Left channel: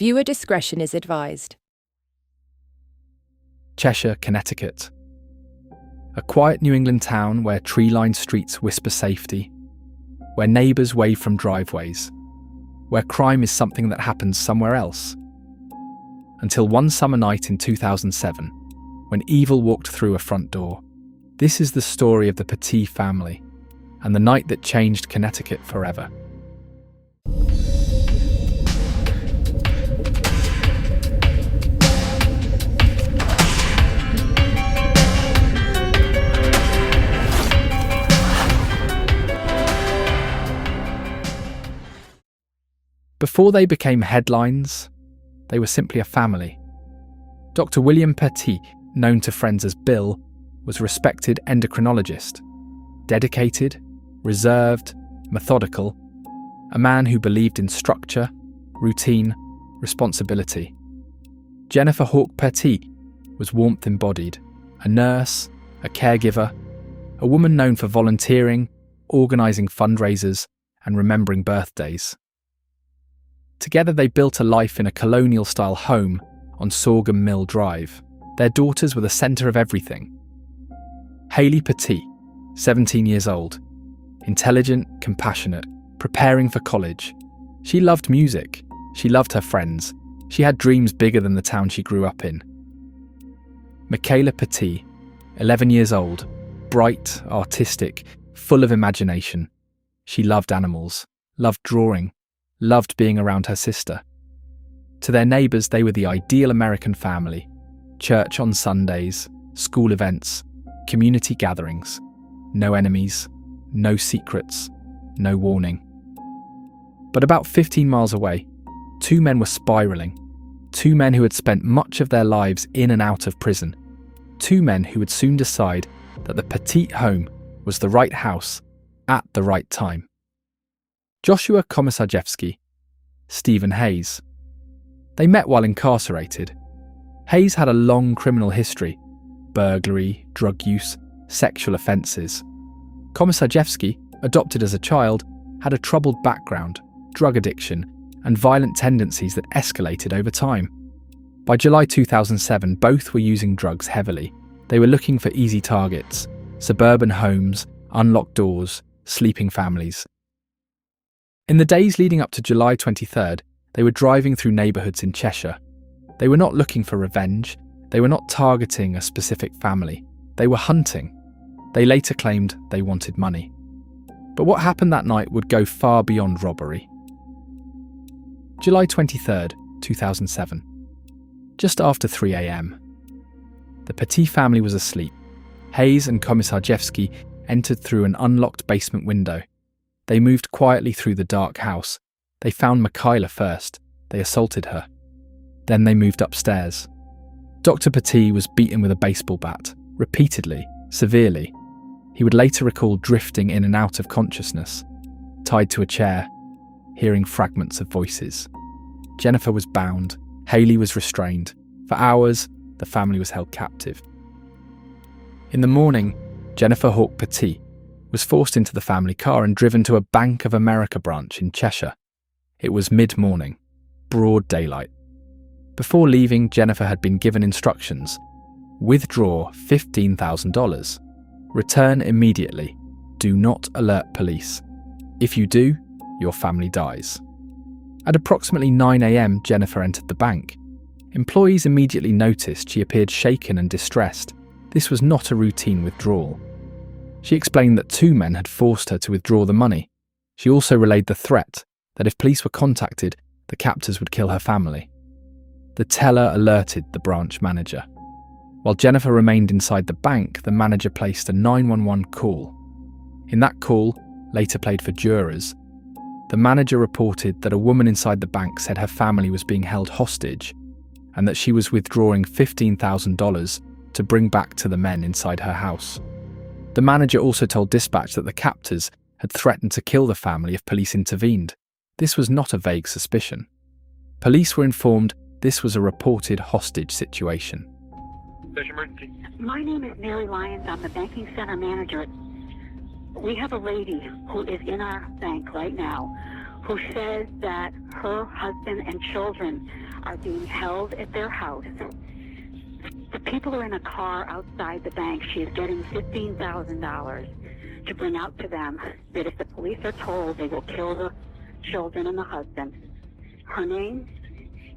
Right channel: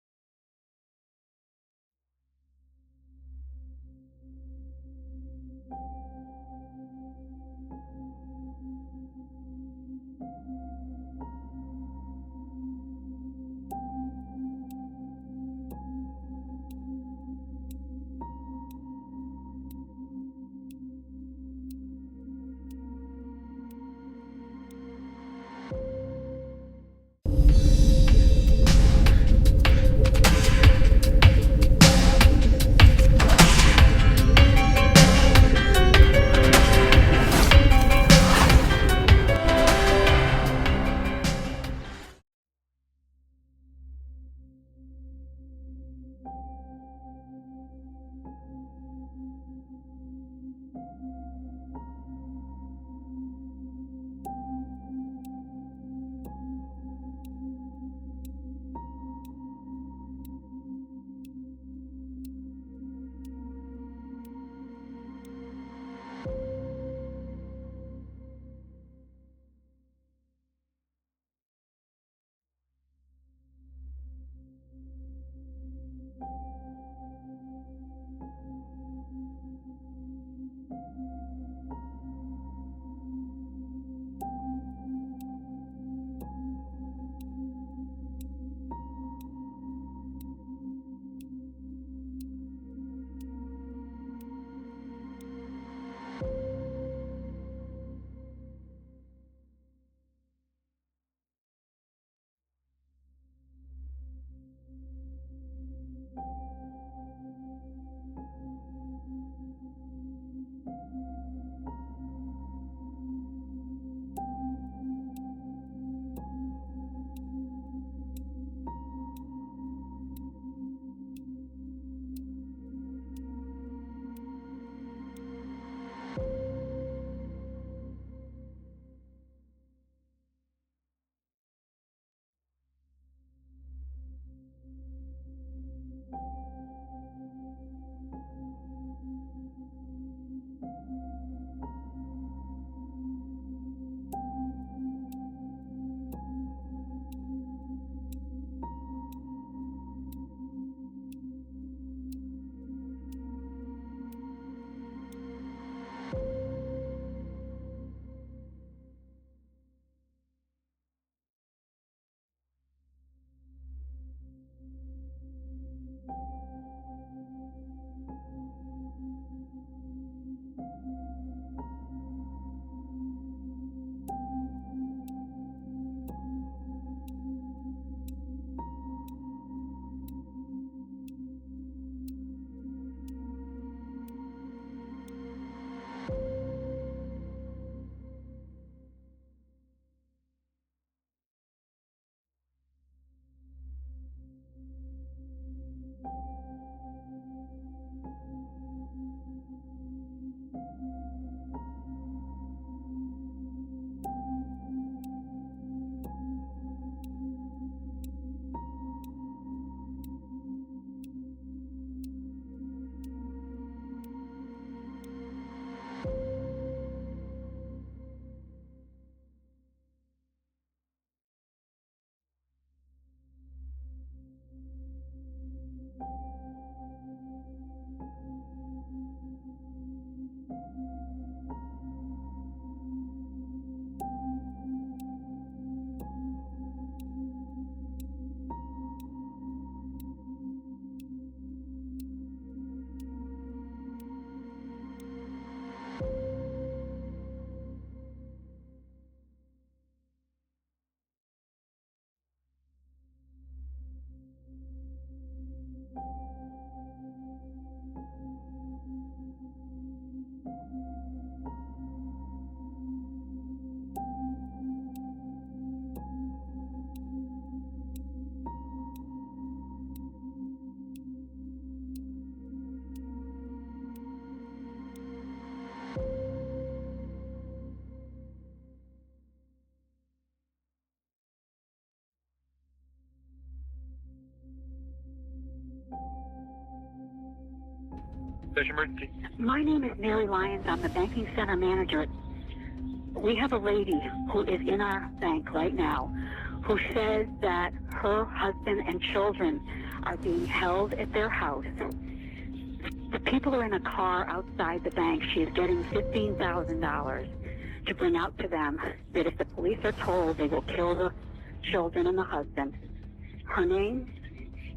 Viewer discretion is advised. Cheshire, Connecticut. A quiet New England town where tree-lined streets whisper safety, where neighbours wave from driveways, where crime is something that happens somewhere else. Until one summer night in 2007, when evil walked through a front door. This is the story of the Petit family, and the night that changed Connecticut forever. Before they became headlines, they were simply a family. Dr. William Petit, known to friends as Bill, was a respected endocrinologist, dedicated, reserved, methodical, a man who believed in structure, routine, responsibility. Jennifer Hawke-Petit was warmth embodied, a nurse, a caregiver, a woman known for volunteering, organising fundraisers, and remembering birthdays. Together they built a life in a colonial-style home on Sorghum Mill Drive. Their daughters were the centre of everything. Hayley Petit, 17 years old, intelligent, compassionate, preparing for college. She loved music. She loved her friends. She had dreams bigger than the town she grew up in. Michaela Petit, 11 years old, bright, artistic, full of imagination. She loved animals, loved drawing, loved being around her sister. To their neighbours, they were the ideal American family. Church on Sundays, school events, community gatherings. No enemies, no secrets, no warning. But about 15 miles away, two men were spiralling. Two men who had spent much of their lives in and out of prison. Two men who would soon decide that the Petit home was the right house at the right time. Joshua Komisarjevsky, Stephen Hayes. They met while incarcerated. Hayes had a long criminal history: burglary, drug use, sexual offences. Komisarjevsky, adopted as a child, had a troubled background, drug addiction, and violent tendencies that escalated over time. By July 2007, both were using drugs heavily. They were looking for easy targets: suburban homes, unlocked doors, sleeping families. In the days leading up to July 23rd, they were driving through neighbourhoods in Cheshire. They were not looking for revenge. They were not targeting a specific family. They were hunting. They later claimed they wanted money. But what happened that night would go far beyond robbery. July 23rd, 2007. Just after 3 a.m. The Petit family was asleep. Hayes and Komisarjevsky entered through an unlocked basement window. They moved quietly through the dark house. They found Michaela first. They assaulted her. Then they moved upstairs. Dr. Petit was beaten with a baseball bat, repeatedly, severely. He would later recall drifting in and out of consciousness, tied to a chair, hearing fragments of voices. Jennifer was bound. Hayley was restrained. For hours, the family was held captive. In the morning, Jennifer Hawke-Petit was forced into the family car and driven to a Bank of America branch in Cheshire. It was mid-morning, broad daylight. Before leaving, Jennifer had been given instructions: withdraw $15,000. Return immediately. Do not alert police. If you do, your family dies. At approximately 9 a.m, Jennifer entered the bank. Employees immediately noticed she appeared shaken and distressed. This was not a routine withdrawal. She explained that two men had forced her to withdraw the money. She also relayed the threat that if police were contacted, the captors would kill her family. The teller alerted the branch manager. While Jennifer remained inside the bank, the manager placed a 911 call. In that call, later played for jurors, the manager reported that a woman inside the bank said her family was being held hostage and that she was withdrawing $15,000 to bring back to the men inside her house. The manager also told dispatch that the captors had threatened to kill the family if police intervened. This was not a vague suspicion. Police were informed this was a reported hostage situation. My name is Mary Lyons. I'm the banking center manager. We have a lady who is in our bank right now who says that her husband and children are being held at their house. The people are in a car outside the bank. She is getting $15,000 to bring out to them that if the police are told, they will kill the children and the husband. Her name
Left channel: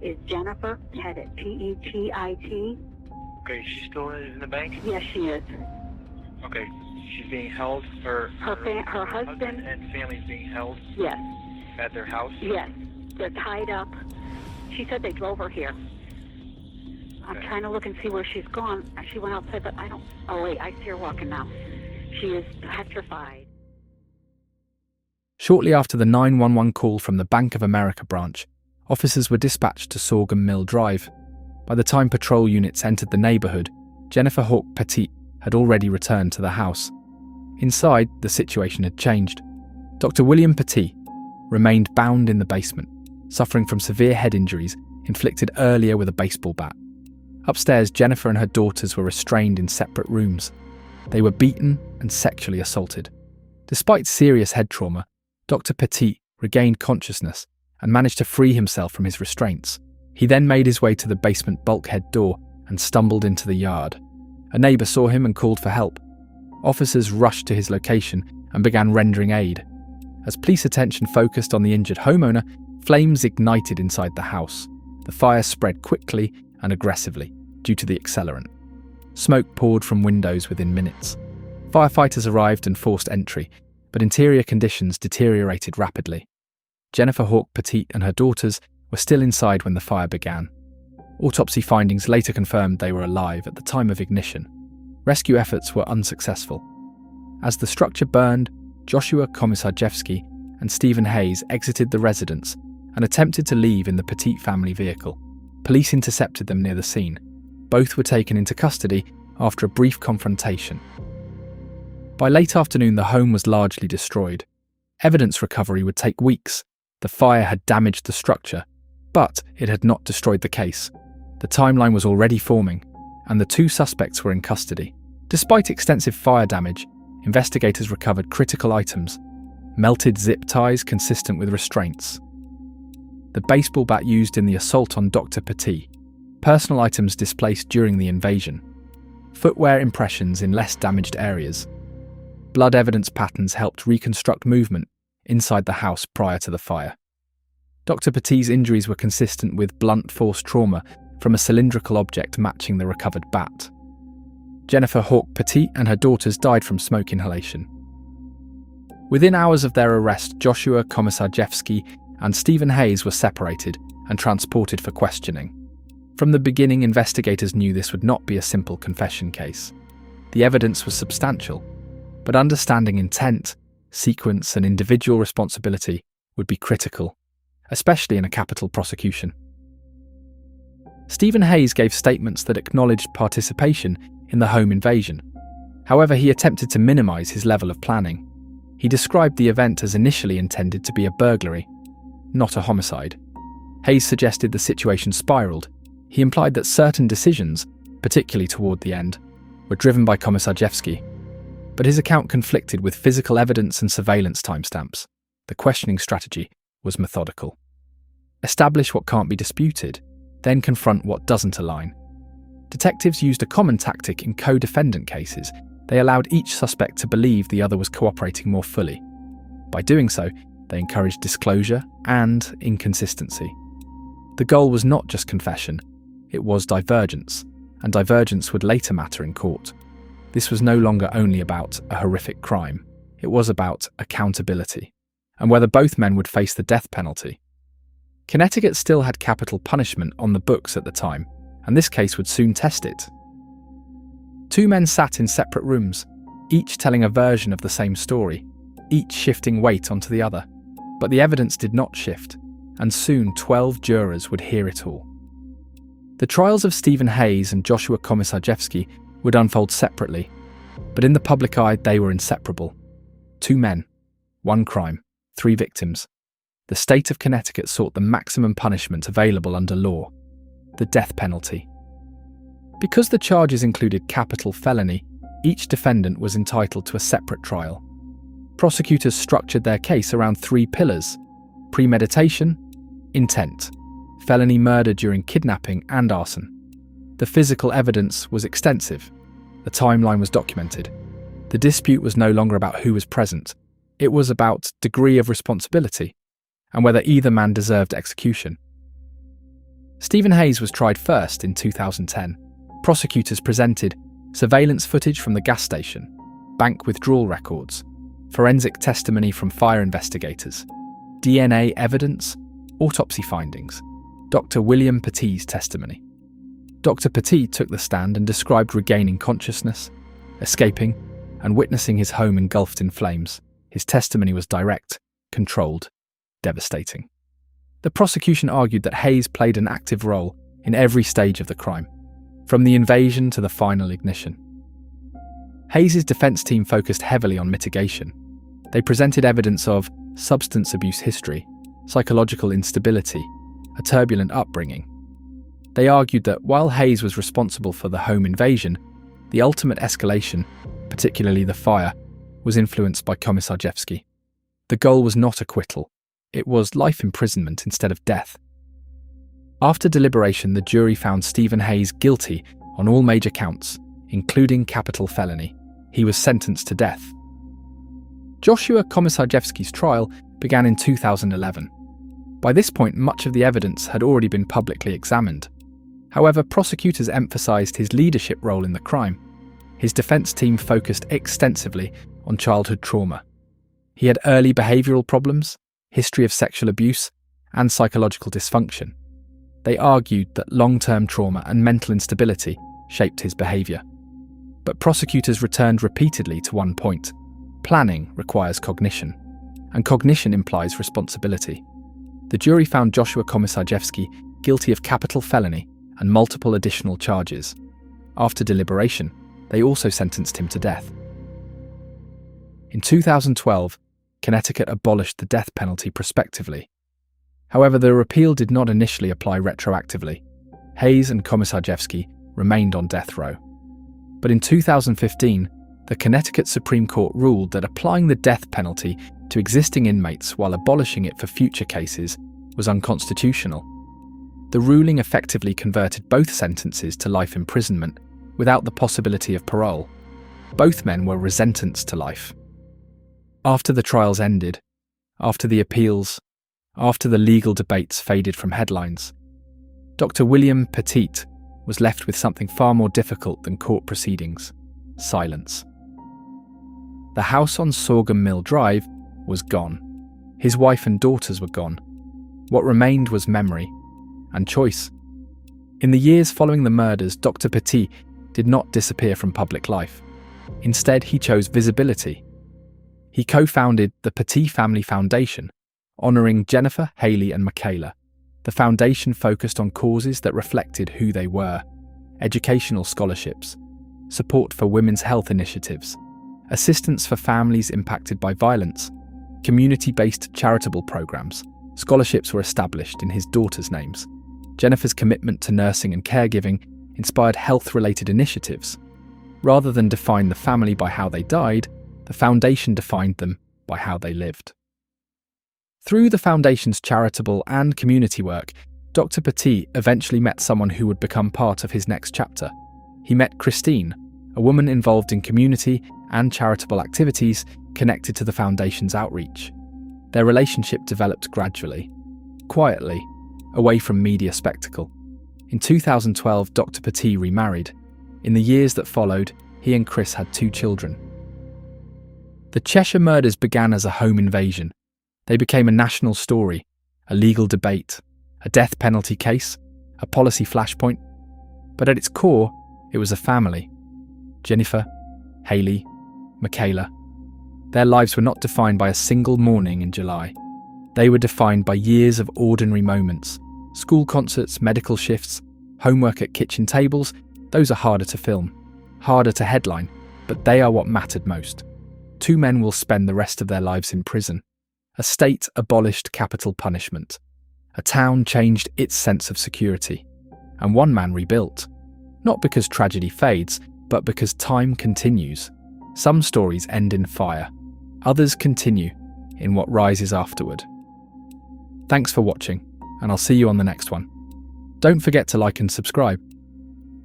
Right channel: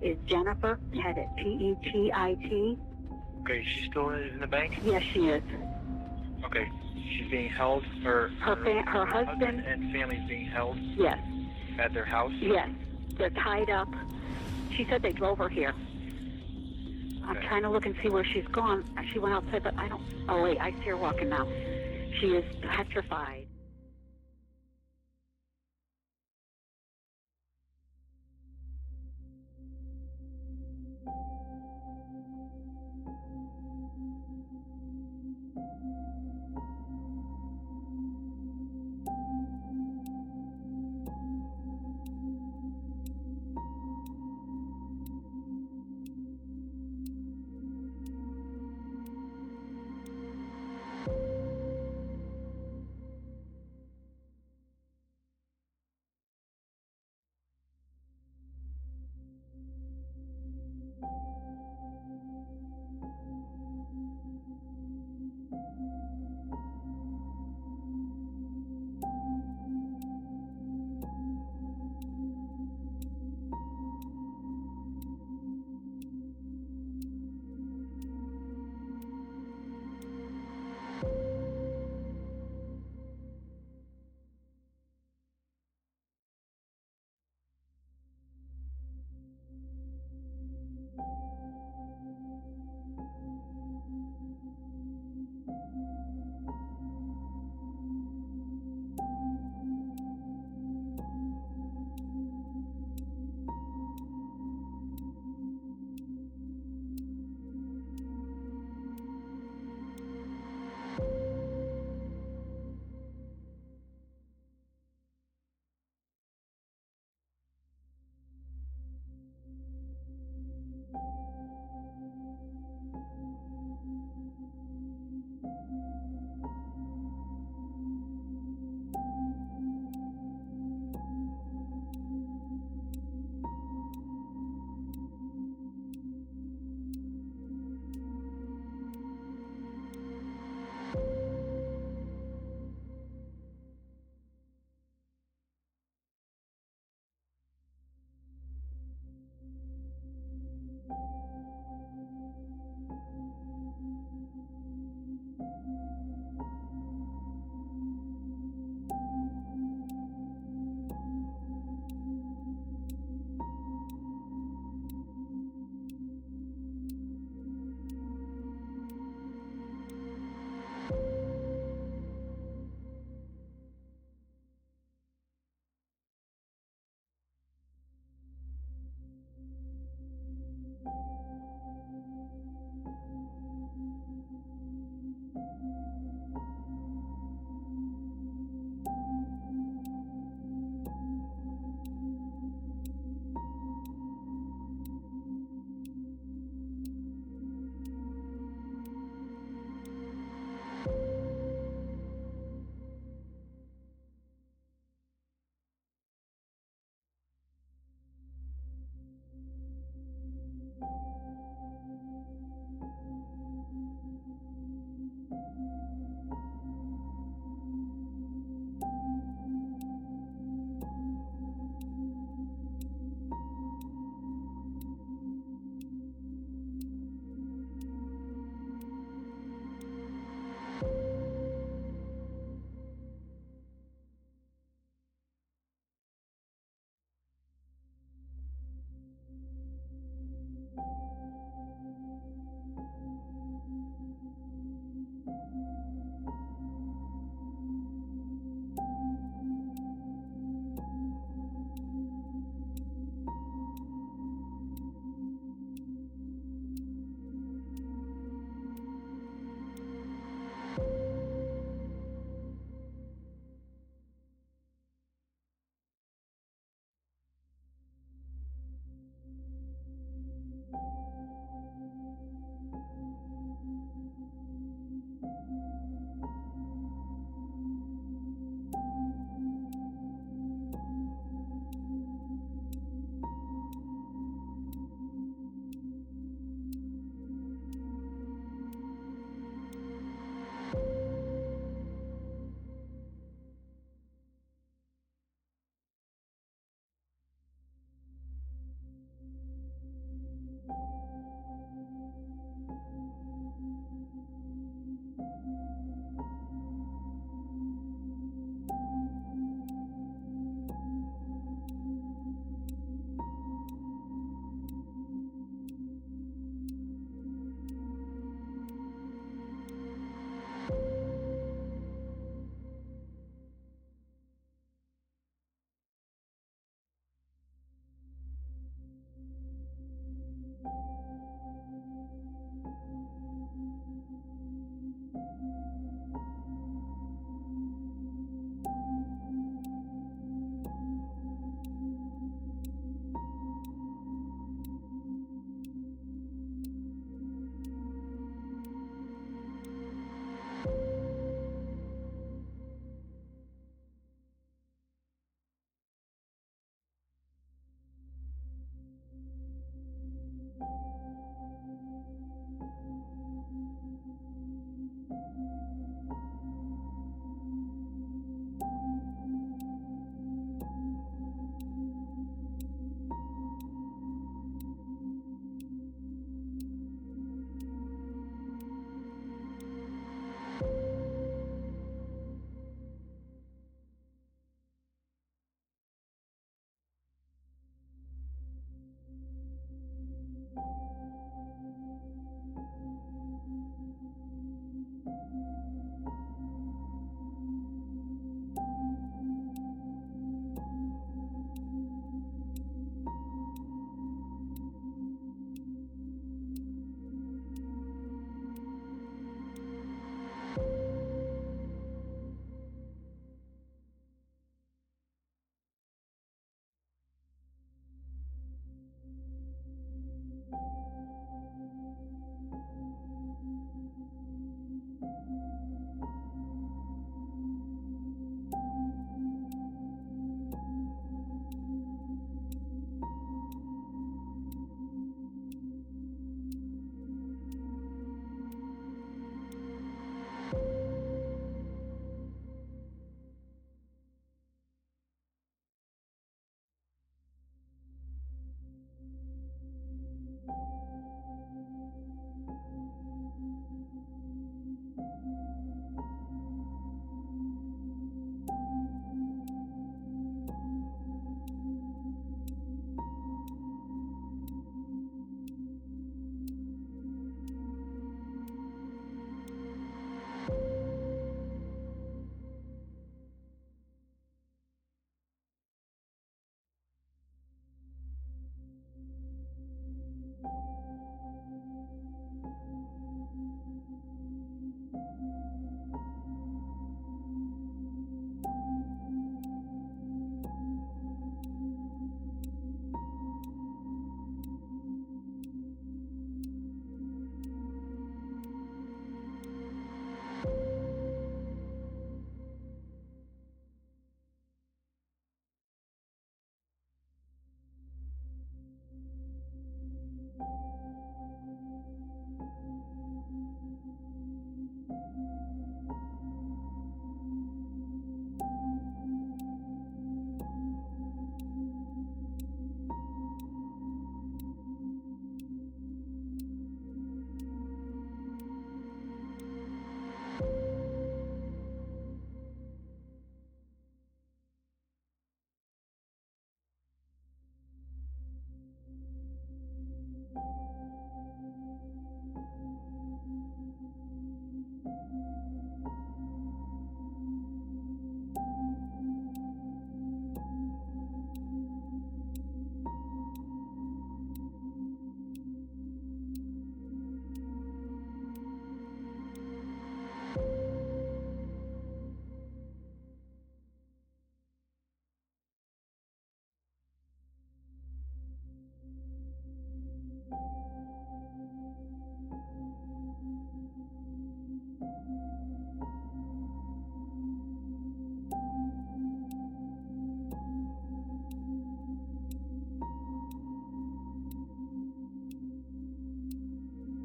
is Jennifer Hawke-Petit, P-E-T-I-T. Okay, she still is in the bank? Yes, she is. Okay, she's being held, her husband and family's being held Yes, at their house? yes. They're tied up. She said they drove her here. I'm Okay. trying to look and see where she's gone. She went outside, but I don't... Oh, wait, I see her walking now. She is petrified. Shortly after the 911 call from the Bank of America branch, officers were dispatched to Sorghum Mill Drive. By the time patrol units entered the neighbourhood, Jennifer Hawke-Petit had already returned to the house. Inside, the situation had changed. Dr. William Petit remained bound in the basement, suffering from severe head injuries inflicted earlier with a baseball bat. Upstairs, Jennifer and her daughters were restrained in separate rooms. They were beaten and sexually assaulted. Despite serious head trauma, Dr. Petit regained consciousness and managed to free himself from his restraints. He then made his way to the basement bulkhead door and stumbled into the yard. A neighbour saw him and called for help. Officers rushed to his location and began rendering aid. As police attention focused on the injured homeowner, flames ignited inside the house. The fire spread quickly and aggressively due to the accelerant. Smoke poured from windows within minutes. Firefighters arrived and forced entry, but interior conditions deteriorated rapidly. Jennifer Hawke-Petit and her daughters were still inside when the fire began. Autopsy findings later confirmed they were alive at the time of ignition. Rescue efforts were unsuccessful. As the structure burned, Joshua Komisarjevsky and Stephen Hayes exited the residence and attempted to leave in the Petit family vehicle. Police intercepted them near the scene. Both were taken into custody after a brief confrontation. By late afternoon, the home was largely destroyed. Evidence recovery would take weeks. The fire had damaged the structure, but it had not destroyed the case. The timeline was already forming, and the two suspects were in custody. Despite extensive fire damage, investigators recovered critical items: melted zip ties consistent with restraints, the baseball bat used in the assault on Dr. Petit, personal items displaced during the invasion, footwear impressions in less damaged areas. Blood evidence patterns helped reconstruct movement inside the house prior to the fire. Dr. Petit's injuries were consistent with blunt force trauma from a cylindrical object matching the recovered bat. Jennifer Hawke-Petit and her daughters died from smoke inhalation. Within hours of their arrest, Joshua Komisarjevsky and Stephen Hayes were separated and transported for questioning. From the beginning, investigators knew this would not be a simple confession case. The evidence was substantial, but understanding intent, sequence, and individual responsibility would be critical, especially in a capital prosecution. Stephen Hayes gave statements that acknowledged participation in the home invasion. However, he attempted to minimize his level of planning. He described the event as initially intended to be a burglary, not a homicide. Hayes suggested the situation spiraled. He implied that certain decisions, particularly toward the end, were driven by Komisarjevsky. But his account conflicted with physical evidence and surveillance timestamps. The questioning strategy was methodical. Establish what can't be disputed, then confront what doesn't align. Detectives used a common tactic in co-defendant cases. They allowed each suspect to believe the other was cooperating more fully. By doing so, they encouraged disclosure and inconsistency. The goal was not just confession, it was divergence, and divergence would later matter in court. This was no longer only about a horrific crime, it was about accountability, and whether both men would face the death penalty. Connecticut still had capital punishment on the books at the time, and this case would soon test it. Two men sat in separate rooms, each telling a version of the same story, each shifting weight onto the other. But the evidence did not shift, and soon 12 jurors would hear it all. The trials of Stephen Hayes and Joshua Komisarjevsky would unfold separately, but in the public eye they were inseparable. Two men, one crime, three victims. The state of Connecticut sought the maximum punishment available under law, the death penalty. Because the charges included capital felony, each defendant was entitled to a separate trial. Prosecutors structured their case around three pillars: premeditation, intent, felony murder during kidnapping and arson. The physical evidence was extensive. The timeline was documented. The dispute was no longer about who was present. It was about degree of responsibility and whether either man deserved execution. Stephen Hayes was tried first in 2010. Prosecutors presented surveillance footage from the gas station, bank withdrawal records, forensic testimony from fire investigators, DNA evidence, autopsy findings, Dr. William Petit's testimony. Dr. Petit took the stand and described regaining consciousness, escaping, and witnessing his home engulfed in flames. His testimony was direct, controlled, devastating. The prosecution argued that Hayes played an active role in every stage of the crime, from the invasion to the final ignition. Hayes' defense team focused heavily on mitigation. They presented evidence of substance abuse history, psychological instability, a turbulent upbringing. They argued that while Hayes was responsible for the home invasion, the ultimate escalation, particularly the fire, was influenced by Komisarjevsky. The goal was not acquittal. It was life imprisonment instead of death. After deliberation, the jury found Stephen Hayes guilty on all major counts, including capital felony. He was sentenced to death. Joshua Komisarjevsky's trial began in 2011. By this point, much of the evidence had already been publicly examined. However, prosecutors emphasized his leadership role in the crime. His defense team focused extensively on childhood trauma. He had early behavioral problems, history of sexual abuse, and psychological dysfunction. They argued that long-term trauma and mental instability shaped his behavior. But prosecutors returned repeatedly to one point. Planning requires cognition, and cognition implies responsibility. The jury found Joshua Komisarjevsky guilty of capital felony and multiple additional charges. After deliberation, they also sentenced him to death. In 2012, Connecticut abolished the death penalty prospectively. However, the repeal did not initially apply retroactively. Hayes and Komisarjevsky remained on death row. But in 2015, the Connecticut Supreme Court ruled that applying the death penalty to existing inmates while abolishing it for future cases was unconstitutional. The ruling effectively converted both sentences to life imprisonment without the possibility of parole. Both men were sentenced to life. After the trials ended, after the appeals, after the legal debates faded from headlines, Dr. William Petit was left with something far more difficult than court proceedings: silence. The house on Sorghum Mill Drive was gone. His wife and daughters were gone. What remained was memory and choice. In the years following the murders, Dr. Petit did not disappear from public life. Instead, he chose visibility. He co-founded the Petit Family Foundation, honouring Jennifer, Hayley and Michaela. The foundation focused on causes that reflected who they were: educational scholarships, support for women's health initiatives, assistance for families impacted by violence, community-based charitable programs. Scholarships were established in his daughters' names. Jennifer's commitment to nursing and caregiving inspired health-related initiatives. Rather than define the family by how they died, the foundation defined them by how they lived. Through the foundation's charitable and community work, Dr. Petit eventually met someone who would become part of his next chapter. He met Christine, a woman involved in community and charitable activities connected to the foundation's outreach. Their relationship developed gradually, quietly, away from media spectacle. In 2012, Dr. Petit remarried. In the years that followed, he and Chris had 2 children. The Cheshire murders began as a home invasion. They became a national story, a legal debate, a death penalty case, a policy flashpoint. But at its core, it was a family. Jennifer, Hayley, Michaela. Their lives were not defined by a single morning in July. They were defined by years of ordinary moments. School concerts, medical shifts, homework at kitchen tables. Those are harder to film, harder to headline, but they are what mattered most. 2 men will spend the rest of their lives in prison. A state abolished capital punishment. A town changed its sense of security. And 1 man rebuilt. Not because tragedy fades, but because time continues. Some stories end in fire. Others continue in what rises afterward. Thanks for watching, and I'll see you on the next one. Don't forget to like and subscribe.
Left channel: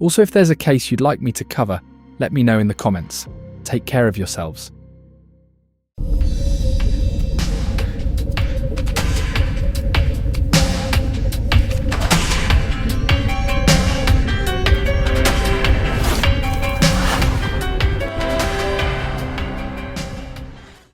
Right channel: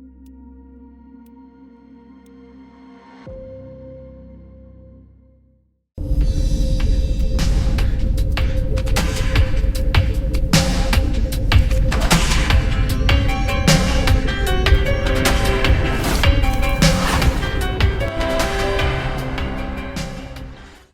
Also, if there's a case you'd like me to cover, let me know in the comments. Take care of yourselves.